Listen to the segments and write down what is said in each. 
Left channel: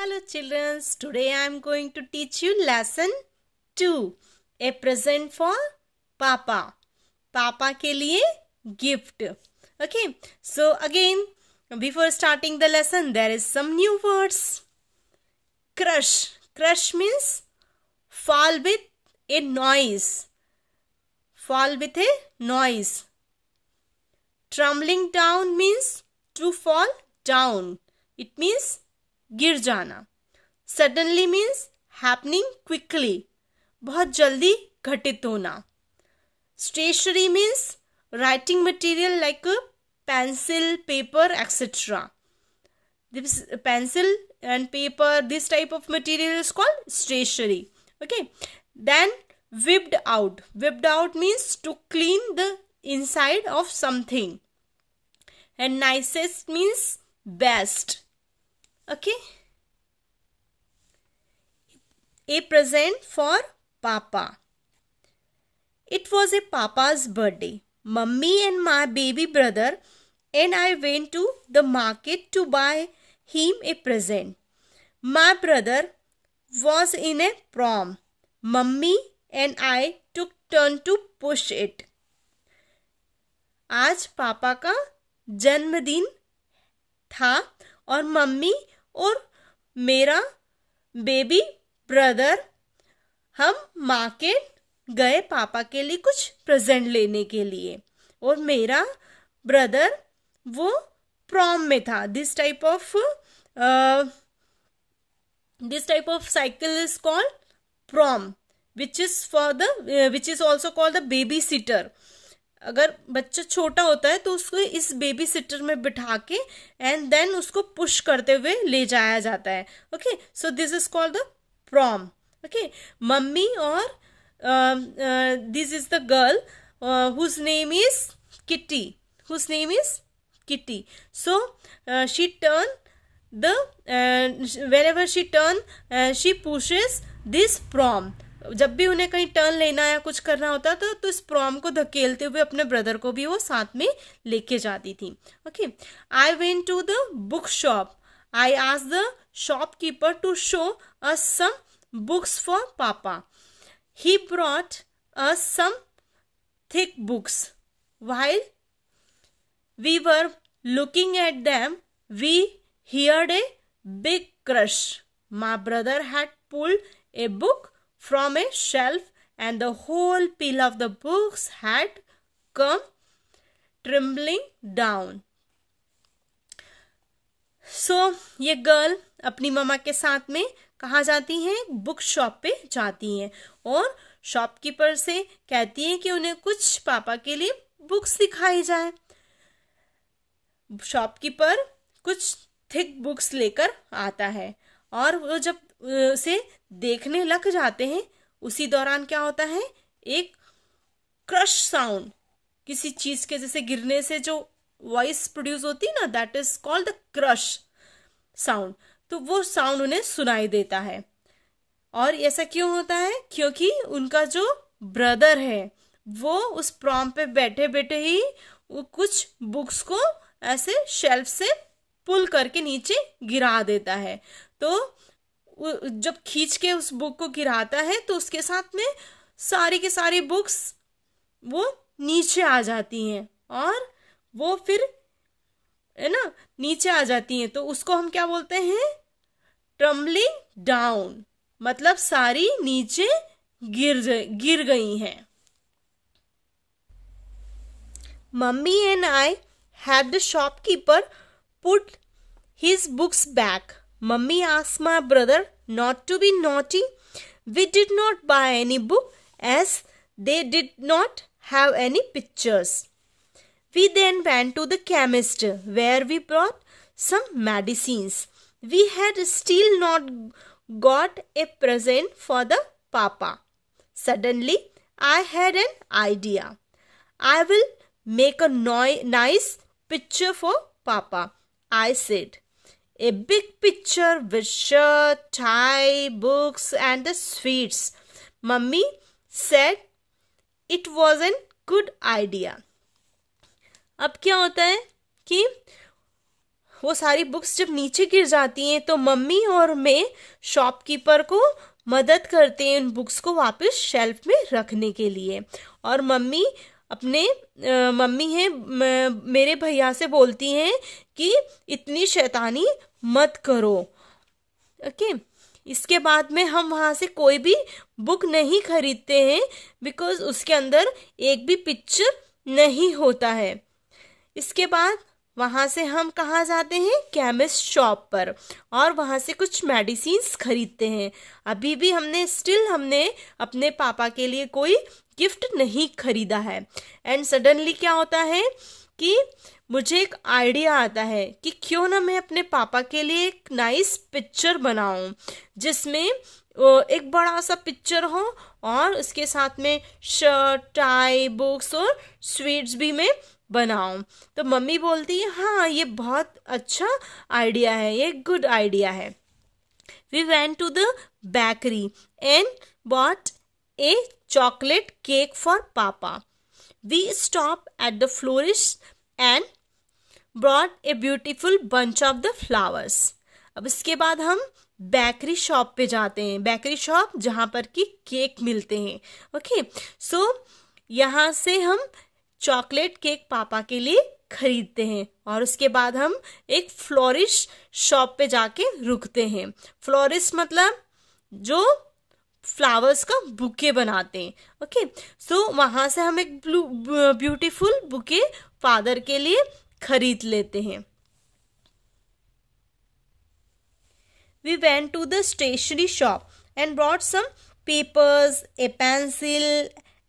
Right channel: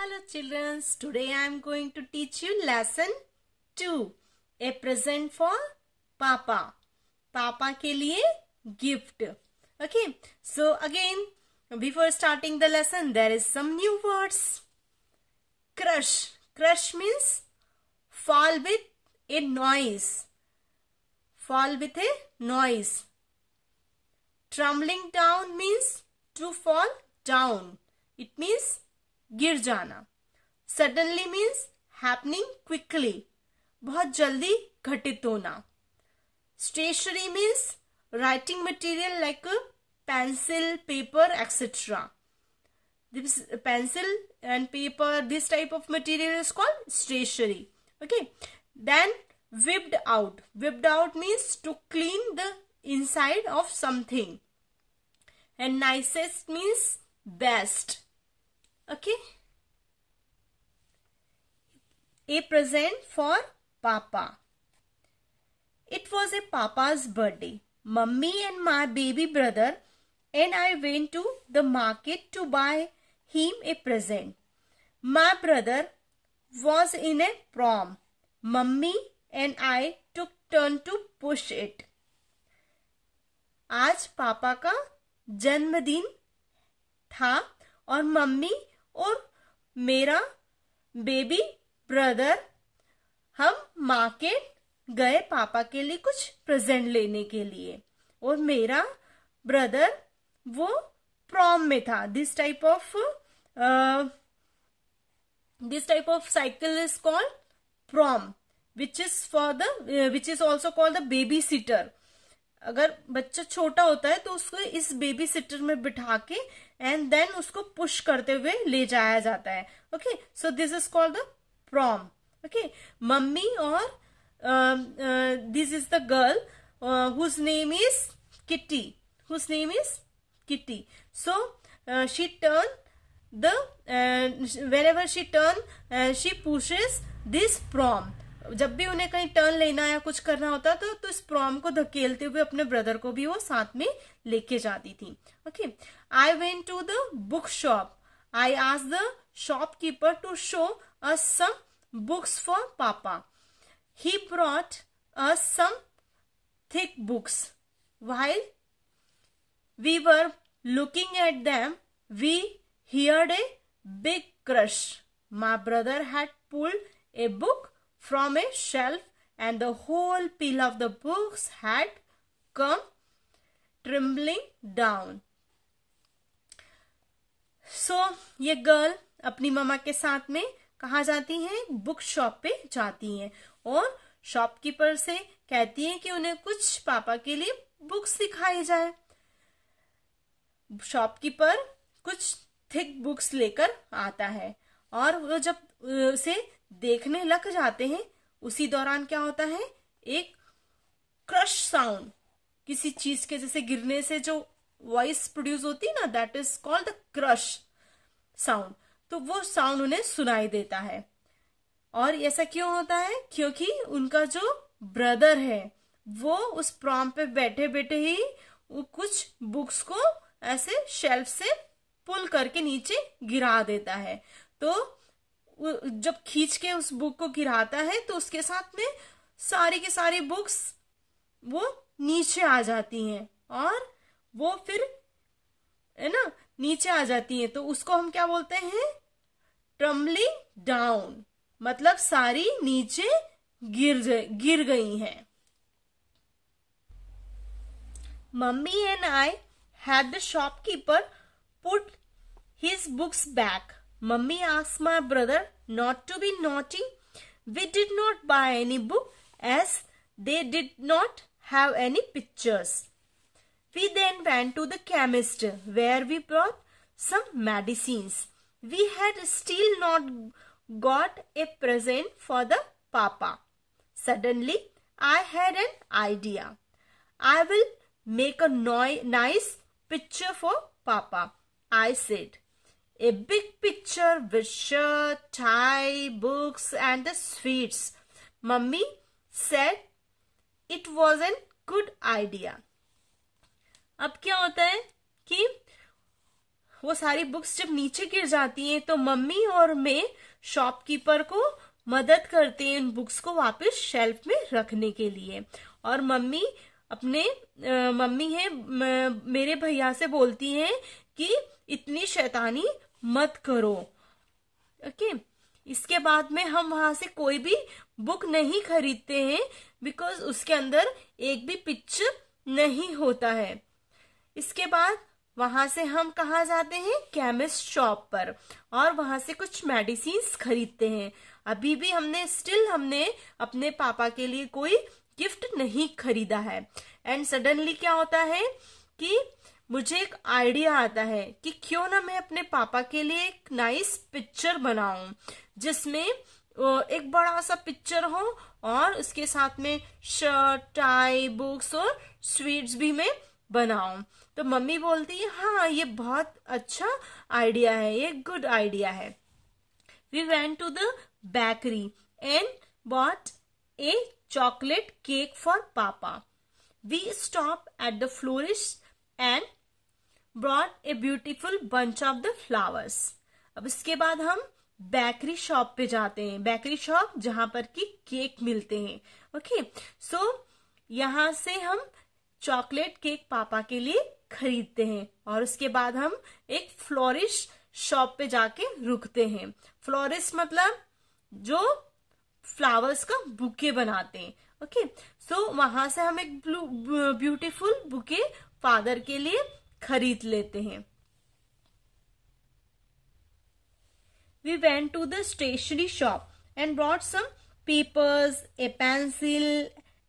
Hello children, today I am going to teach you lesson 2. A present for Papa. Papa के लिए gift. Okay, so again before starting the lesson there is some new words. Crush. Crush means fall with a noise. Fall with a noise. Tumbling down means to fall down. It means गिर जाना. Suddenly means happening quickly. बहुत जल्दी घटित होना. Stationery means writing material like a pencil, paper, etc. This pencil and paper, this type of material is called stationery. Okay. Then whipped out. Whipped out means to clean the inside of something. And nicest means best. Okay. A present for Papa. It was a Papa's birthday. Mummy and my baby brother and I went to the market to buy him a present. My brother was in a prom. Mummy and I took turn to push it. आज पापा का जन्मदिन था और mummy और मेरा baby brother हम market गए पापा के लिए कुछ प्रेजेंट लेने के लिए और मेरा ब्रदर वो प्रॉम में था. This type of cycle is called pram which is also called the baby sitter. अगर बच्चा छोटा होता है तो उसको इस बेबी सिटर में बिठा के एंड देन उसको पुश करते हुए ले जाया जाता है. Okay, so this is called the prom. Okay, mummy और this is the girl whose name is Kitty. So she turn the whenever she turn she pushes this prom. जब भी उन्हें कहीं टर्न लेना या कुछ करना होता तो इस प्रॉम को धकेलते हुए अपने ब्रदर को भी वो साथ में लेके जाती थी. Okay, I went to the book shop. I asked the shopkeeper to show us some books for papa. He brought us some thick books. While we were looking at them, we heard a big crush. My brother had pulled a book from a shelf and the whole pile of the books had come trembling down. So ये girl अपनी मम्मा के साथ में कहाँ जाती है? Book shop पे जाती हैं और शॉपकीपर से कहती है कि उन्हें कुछ पापा के लिए बुक्स दिखाई जाए. शॉपकीपर कुछ थिक बुक्स लेकर आता है और वो जब उसे देखने लग जाते हैं उसी दौरान क्या होता है? एक क्रश साउंड, किसी चीज के जैसे गिरने से जो वॉइस प्रोड्यूस होती है ना, that is called the crush sound. तो वो साउंड उन्हें सुनाई देता है. और ऐसा क्यों होता है? क्योंकि उनका जो ब्रदर है वो उस प्रॉम पे बैठे बैठे ही वो कुछ बुक्स को ऐसे शेल्फ से पुल करके नीचे गिरा देता है. तो जब खींच के उस बुक को गिराता है तो उसके साथ में सारी की सारी बुक्स वो नीचे आ जाती हैं और वो फिर है ना नीचे आ जाती हैं. तो उसको हम क्या बोलते हैं? Tumbling down. मतलब सारी नीचे गिर गई हैं. Mummy and I had the shopkeeper put his books back. Mummy asked my brother not to be naughty. We did not buy any book as they did not have any pictures. We then went to the chemist where we bought some medicines. We had still not got a present for the papa. Suddenly, I had an idea. I will make a nice picture for papa, I said. A big picture with shirt, tie, books and the sweets. Mummy said it was a good idea. अब क्या होता है कि वो सारी books जब नीचे गिर जाती हैं तो मम्मी और मैं शॉपकीपर को मदद करते हैं उन बुक्स को वापस शेल्फ में रखने के लिए। और मम्मी है मेरे भैया से बोलती हैं कि इतनी शैतानी मत करो। ओके, इसके बाद में हम वहां से कोई भी बुक नहीं खरीदते हैं बिकॉज उसके अंदर एक भी पिक्चर नहीं होता है। इसके बाद वहां से हम कहाँ जाते हैं, केमिस्ट शॉप पर, और वहां से कुछ मेडिसिन्स खरीदते हैं। अभी भी हमने अपने पापा के लिए कोई गिफ्ट नहीं खरीदा है। एंड सडनली क्या होता है कि मुझे एक आइडिया आता है कि क्यों ना मैं अपने पापा के लिए एक नाइस पिक्चर बनाऊं जिसमें एक बड़ा सा पिक्चर हो और उसके साथ में शर्ट, टाई, बुक्स और स्वीट्स भी मैं बनाऊं। तो मम्मी बोलती है हाँ ये बहुत अच्छा आइडिया है, ये गुड आइडिया है। We went to the bakery and bought a chocolate cake for Papa. We stopped at the florist and brought a beautiful bunch of the flowers. अब इसके बाद हम बेकरी शॉप पे जाते हैं, बेकरी शॉप जहां पर कि केक मिलते हैं। ओके, सो यहाँ से हम चॉकलेट केक पापा के लिए खरीदते हैं और उसके बाद हम एक फ्लोरिस्ट शॉप पे जाके रुकते हैं। फ्लोरिस्ट मतलब जो फ्लावर्स का बुके बनाते हैं। ओके, सो वहां से हम एक ब्यूटीफुल बुके फादर के लिए खरीद लेते हैं। We went to the stationery shop and brought some papers, a pencil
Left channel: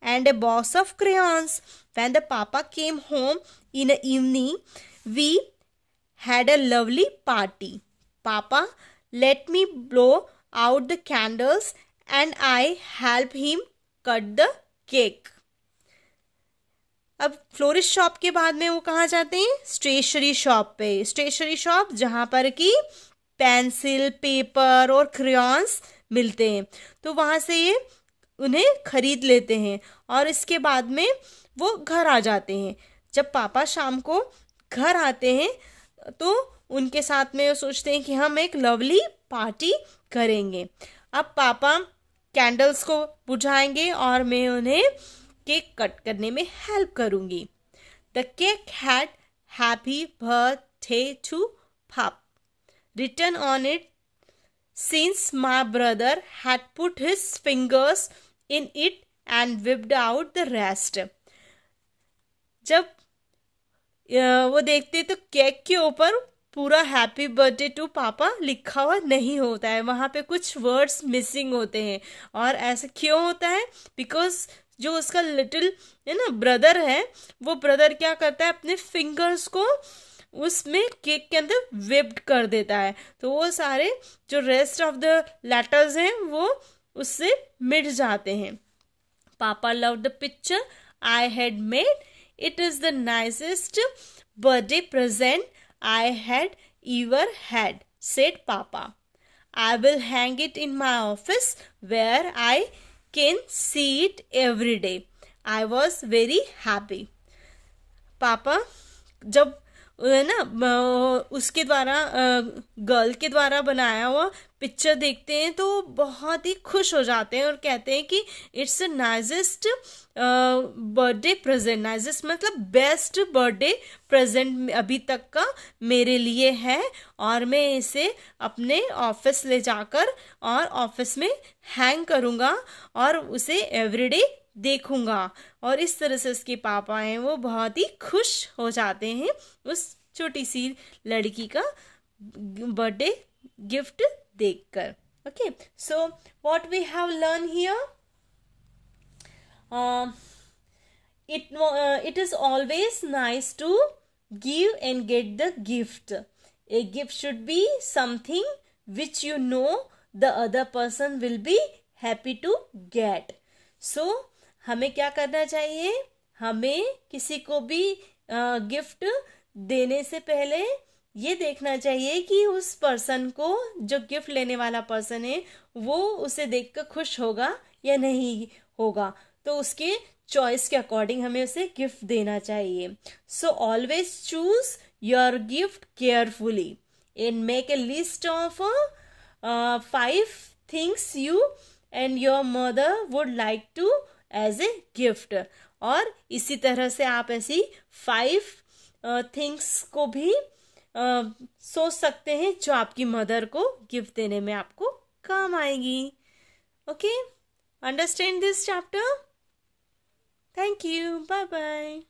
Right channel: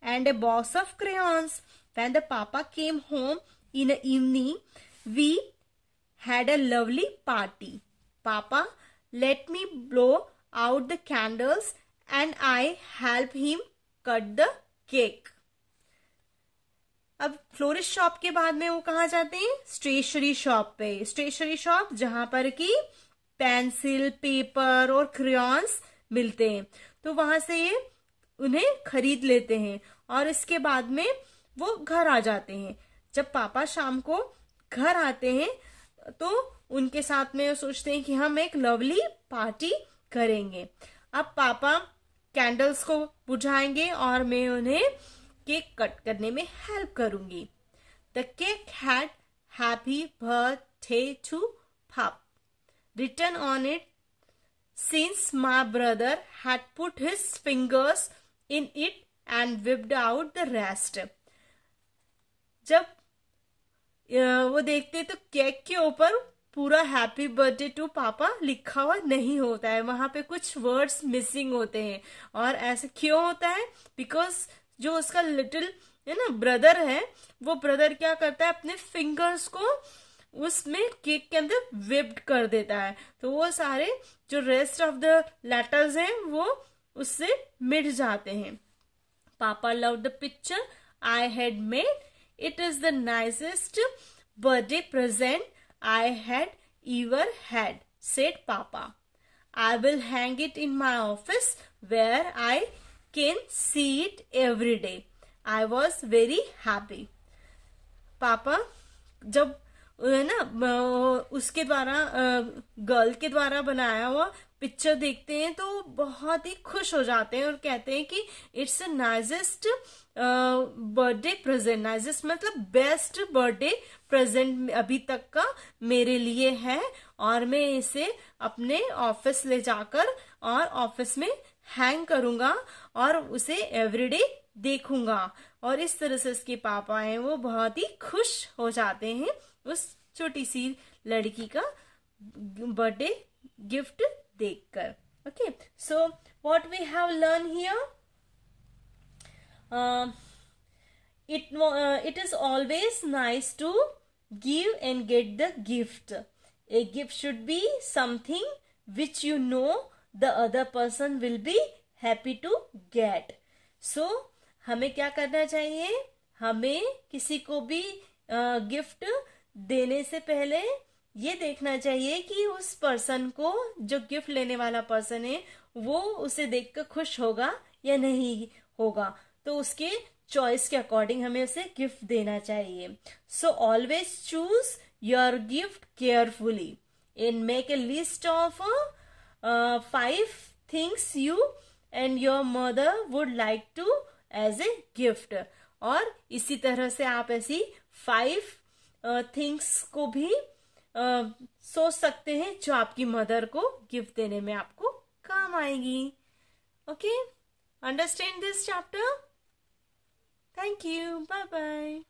and a box of crayons. When the papa came home in the evening, we had a lovely party. Papa let me blow out the candles and I helped him cut the cake. अब florist shop के बाद में वो कहाँ जाते हैं, stationery shop पे। Stationery shop जहाँ पर कि पेंसिल, पेपर और क्रेयॉन्स मिलते हैं, तो वहां से ये उन्हें खरीद लेते हैं और इसके बाद में वो घर आ जाते हैं। जब पापा शाम को घर आते हैं तो उनके साथ में वो सोचते हैं कि हम एक लवली पार्टी करेंगे। अब पापा कैंडल्स को बुझाएंगे और मैं उन्हें केक कट करने में हेल्प करूंगी। The cake had happy birthday to papa written on it since my brother had put his fingers in it and whipped out the rest. जब वो देखते तो केक के ऊपर पूरा हैप्पी बर्थडे टू पापा लिखा हुआ नहीं होता है, वहां पे कुछ वर्ड्स मिसिंग होते हैं। और ऐसा क्यों होता है, बिकॉज जो उसका लिटिल है ना ब्रदर है, वो ब्रदर क्या करता है, अपने फिंगर्स को उसमें केक के अंदर विप्ड कर देता है, तो वो सारे जो रेस्ट ऑफ द लेटर्स हैं वो उससे मिट जाते हैं। Papa love the picture I had made, it is the nicest birthday present I had ever had, said papa. I will hang it in my office where I can see it every day. I was very happy. पापा जब ना उसके द्वारा girl के द्वारा बनाया हुआ picture देखते हैं तो बहुत ही खुश हो जाते हैं और कहते हैं कि इट्स नाइजेस्ट बर्थडे प्रेजेंट। नाइजेस्ट मतलब बेस्ट बर्थडे प्रेजेंट अभी तक का मेरे लिए है और मैं इसे अपने ऑफिस ले जाकर और ऑफिस में हैंग करूंगा और उसे एवरीडे देखूंगा। और इस तरह से उसके पापा हैं वो बहुत ही खुश हो जाते हैं उस छोटी सी लड़की का बर्थडे गिफ्ट देखकर। Okay, so what we have learn here, it is always nice to give and get the gift. A gift should be something which you know the other person will be happy to get. So हमें क्या करना चाहिए, हमें किसी को भी gift देने से पहले ये देखना चाहिए कि उस पर्सन को, जो गिफ्ट लेने वाला पर्सन है, वो उसे देखकर खुश होगा या नहीं होगा, तो उसके चॉइस के अकॉर्डिंग हमें उसे गिफ्ट देना चाहिए। So always choose your gift carefully and make a list of 5 things you and your mother would like to as a gift. और इसी तरह से आप ऐसी 5 थिंग्स को भी सोच सकते हैं जो आपकी मदर को गिफ्ट देने में आपको काम आएगी. Okay, understand this chapter. Thank you. Bye bye.